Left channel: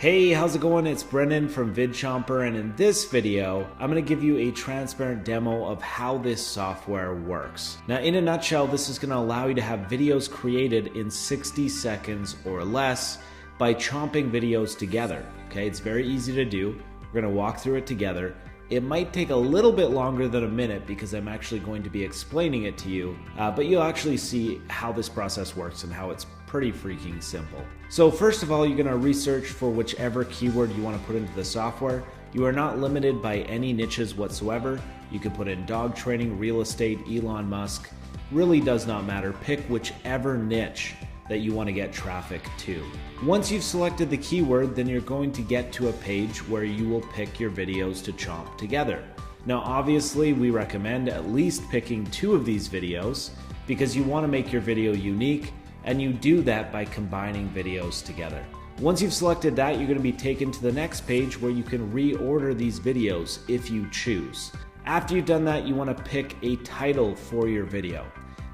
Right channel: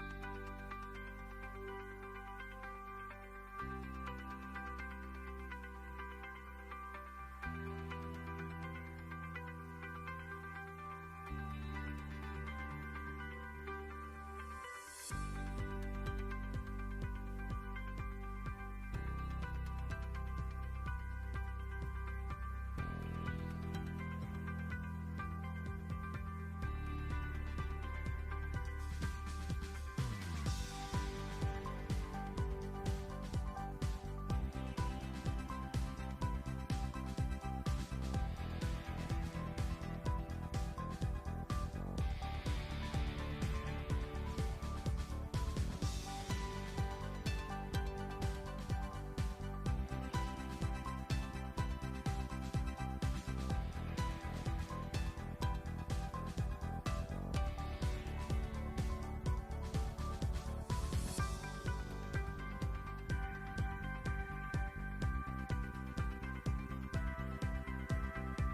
Hey, how's it going? It's Brendan from Vid Chomper, and in this video, I'm going to give you a transparent demo of how this software works. Now, in a nutshell, this is going to allow you to have videos created in 60 seconds or less by chomping videos together. Okay, it's very easy to do. We're going to walk through it together. It might take a little bit longer than a minute because I'm actually going to be explaining it to you, but you'll actually see how this process works and how it's pretty freaking simple. So first of all, you're going to research for whichever keyword you want to put into the software. You are not limited by any niches whatsoever. You can put in dog training, real estate, Elon Musk. Really does not matter. Pick whichever niche that you want to get traffic to. Once you've selected the keyword, then you're going to get to a page where you will pick your videos to chomp together. Now, obviously, we recommend at least picking 2 of these videos because you want to make your video unique, and you do that by combining videos together. Once you've selected that, you're going to be taken to the next page where you can reorder these videos if you choose. After you've done that, you want to pick a title for your video.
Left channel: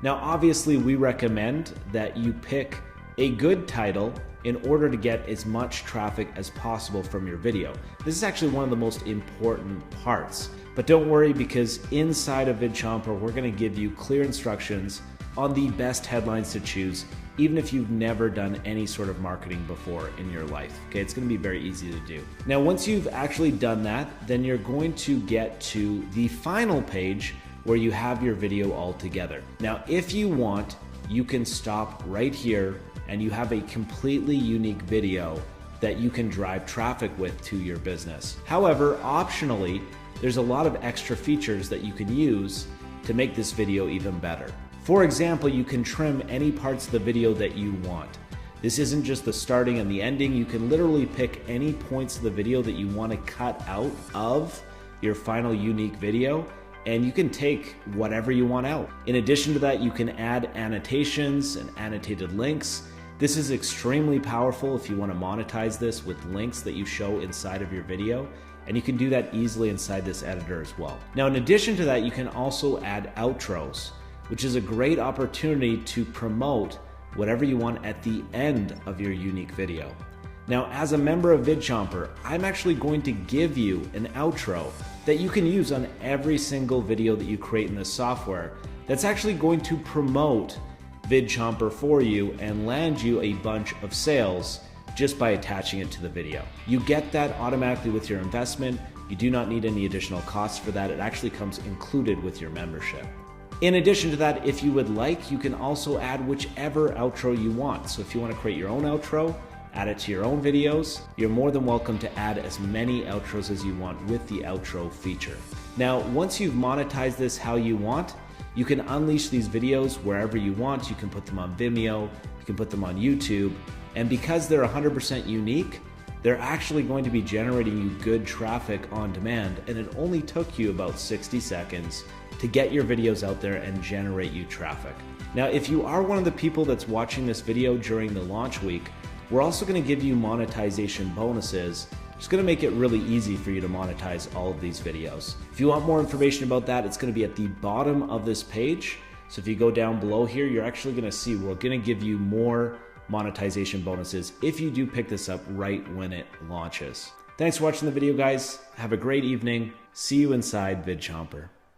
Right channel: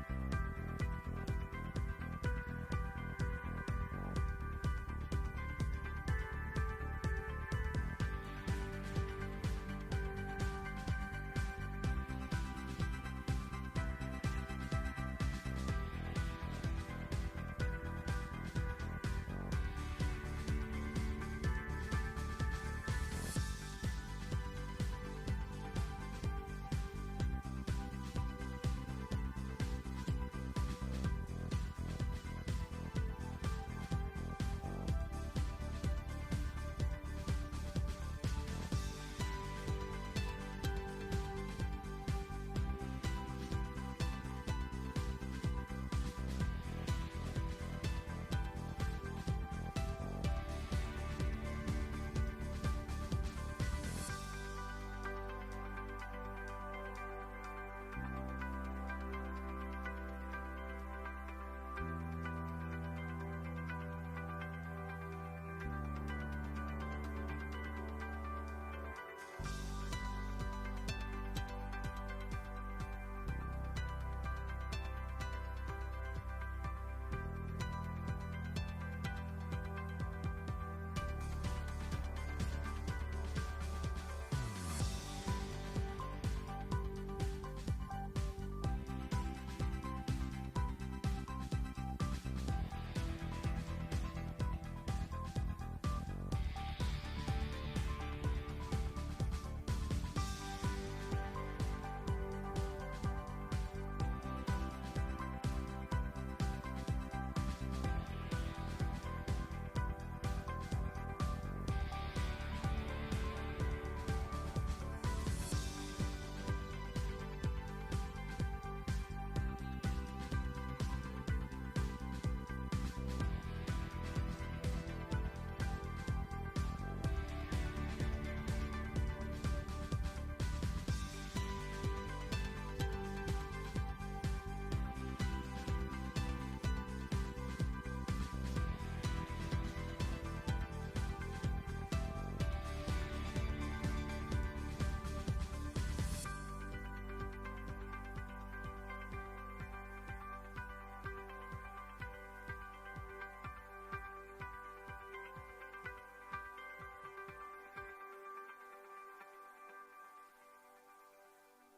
Now, obviously, we recommend that you pick a good title in order to get as much traffic as possible from your video. This is actually one of the most important parts. But don't worry, because inside of Vid Chomper, we're going to give you clear instructions on the best headlines to choose, even if you've never done any sort of marketing before in your life. Okay, it's going to be very easy to do. Now, once you've actually done that, then you're going to get to the final page where you have your video all together. Now, if you want, you can stop right here and you have a completely unique video that you can drive traffic with to your business. However, optionally, there's a lot of extra features that you can use to make this video even better. For example, you can trim any parts of the video that you want. This isn't just the starting and the ending. You can literally pick any points of the video that you want to cut out of your final unique video, and you can take whatever you want out. In addition to that, you can add annotations and annotated links. This is extremely powerful if you want to monetize this with links that you show inside of your video, and you can do that easily inside this editor as well. Now, in addition to that, you can also add outros, which is a great opportunity to promote whatever you want at the end of your unique video. Now, as a member of Vid Chomper, I'm actually going to give you an outro that you can use on every single video that you create in this software that's actually going to promote Vid Chomper for you and land you a bunch of sales just by attaching it to the video. You get that automatically with your investment. You do not need any additional costs for that. It actually comes included with your membership. In addition to that, if you would like, you can also add whichever outro you want. So if you want to create your own outro, add it to your own videos, you're more than welcome to add as many outros as you want with the outro feature. Now, once you've monetized this how you want, you can unleash these videos wherever you want. You can put them on Vimeo, you can put them on YouTube, and because they're 100% unique, they're actually going to be generating you good traffic on demand, and it only took you about 60 seconds to get your videos out there and generate you traffic. Now, if you are one of the people that's watching this video during the launch week, we're also going to give you monetization bonuses. It's going to make it really easy for you to monetize all of these videos. If you want more information about that, it's going to be at the bottom of this page. So if you go down below here, you're actually going to see we're going to give you more monetization bonuses if you do pick this up right when it launches. Thanks for watching the video, guys. Have a great evening. See you inside Vid Chomper.